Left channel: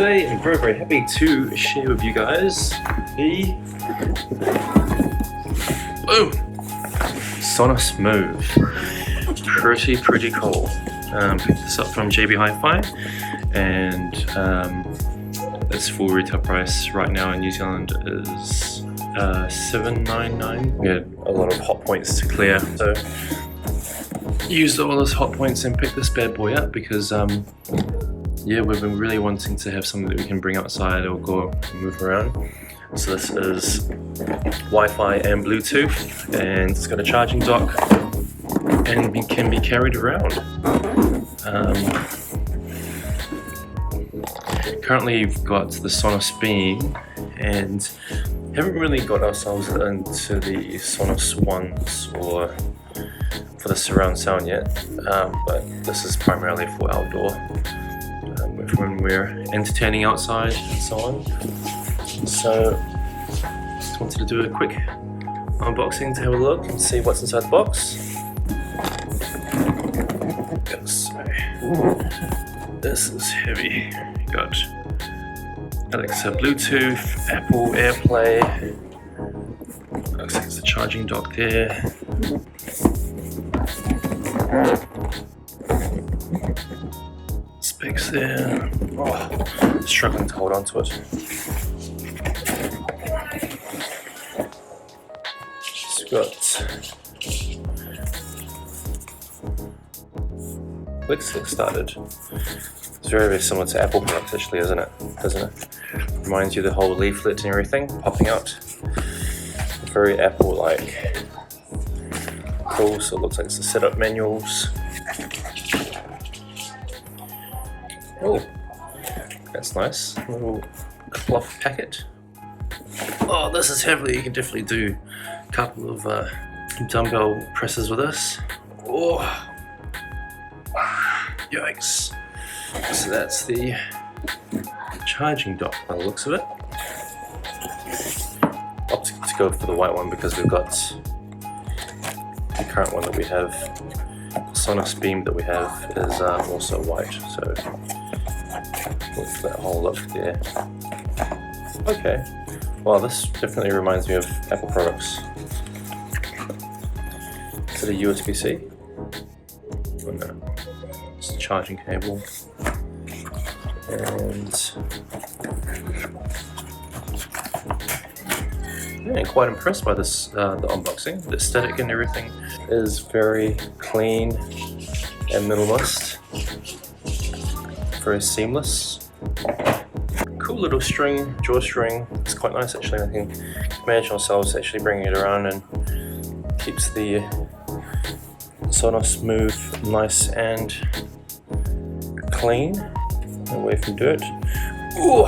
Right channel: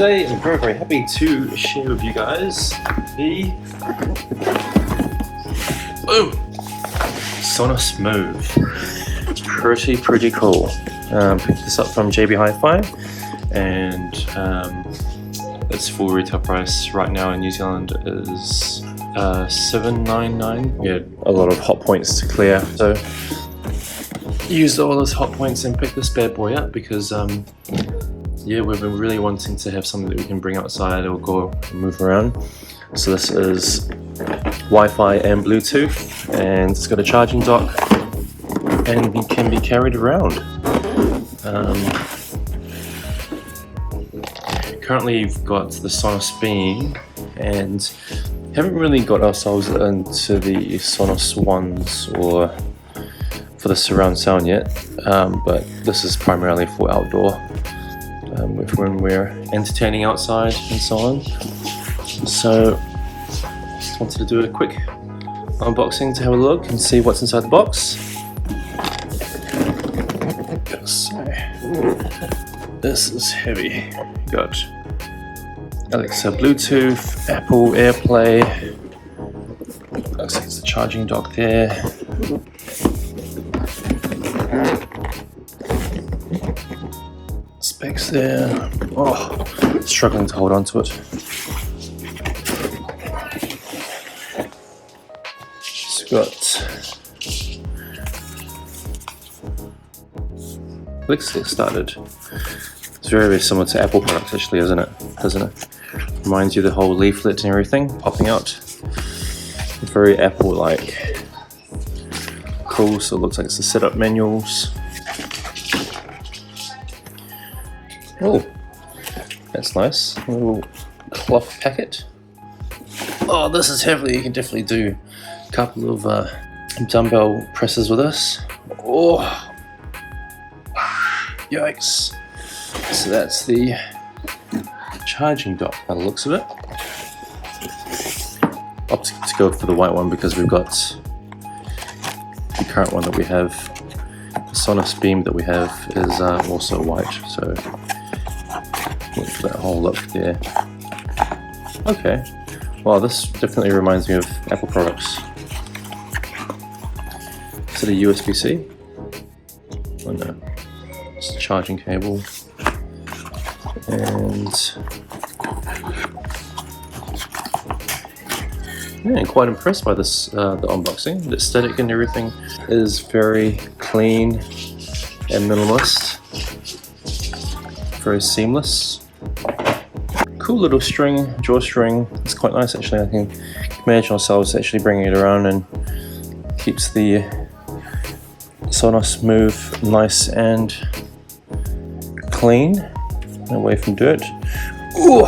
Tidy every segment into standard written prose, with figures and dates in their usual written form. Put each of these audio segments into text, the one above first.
Today I'm very happy to share with you guys the Sonos Move. Pretty cool. Picked this up from JB Hi-Fi, and its full retail price right now in New Zealand is $7.99. We had a lot of hot points to clear, so used all those hot points and picked this bad boy up because yeah, we've been really wanting to have something that we can bring outside or go and move around. So this is Wi-Fi and Bluetooth, and it's got a charging dock and can be carried around. Currently you've got the Sonos Beam, and haven't really got ourselves into the Sonos ones or for the surround sound yet, but this is primarily for outdoor, when we're entertaining outside and so on. So just wanted to do a quick unboxing to have a look and see what's inside the box. So, this is heavy. Got Alexa, Bluetooth, Apple AirPlay. Looks like it's a charging dock there. Specs there. Oh, struggling to hold on to it. It's got. Let's get started. It's very similar to Apple products, actually, isn't it? Doesn't it? Reminds you of the whole leaflet and everything popping out. Very Apple-like. Cool. So it looks like it's the setup manuals. Oh, that's nice. A little cloth packet. Oh, this is heavy. You can definitely do a couple of dumbbell presses with this. Oh, yikes. So that's the charging dock by the looks of it. Opted to go for the white one because we've got the current one that we have. The Sonos Beam that we have is also white, so that whole look there. Okay, well, this definitely reminds me of Apple products. Is it a USB-C? Oh no, it's a charging cable. And yeah, quite impressed by this, the unboxing. The aesthetic and everything is very clean and minimalist. Very seamless. Cool little string, drawstring. It's quite nice actually. I can manage ourselves actually bringing it around, and keeps the Sonos Move nice and clean, away from dirt. Ooh.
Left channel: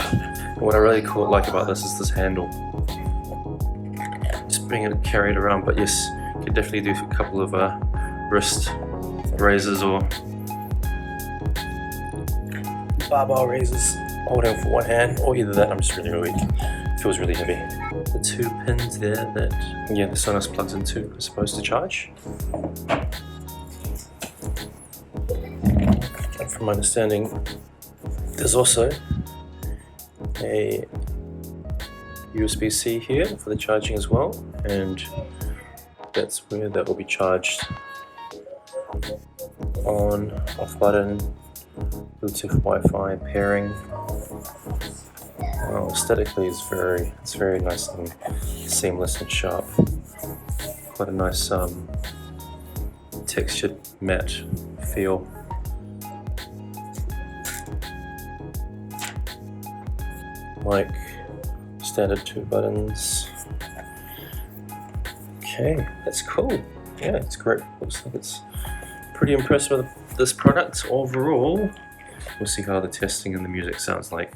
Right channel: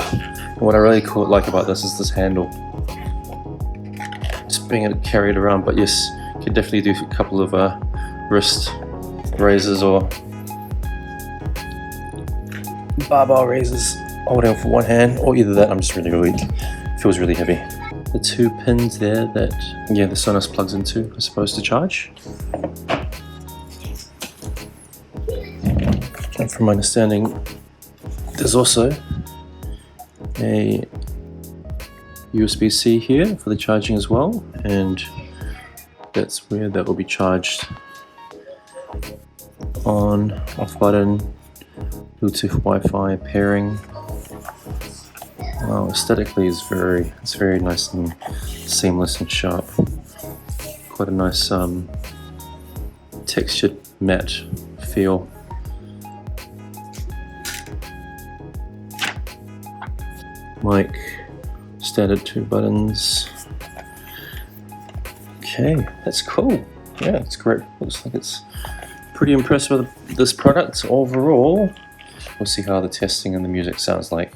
What I really like about this is this handle. Just being able to carry it around, but yes, you can definitely do a couple of wrist raises or barbell raises, holding for one hand, or either that. I'm just really weak. Feels really heavy. The two pins there that the Sonos plugs into are supposed to charge. And from my understanding, there's also a USB-C here for the charging as well, and that's where that will be charged. On, off button, Bluetooth, Wi-Fi pairing. Aesthetically, it's very nice and seamless and sharp. Quite a nice textured matte feel. Mic, standard 2 buttons. Okay, that's cool. Yeah, it's great. Looks like it's pretty impressed with this product overall. We'll see how the testing and the music sounds like.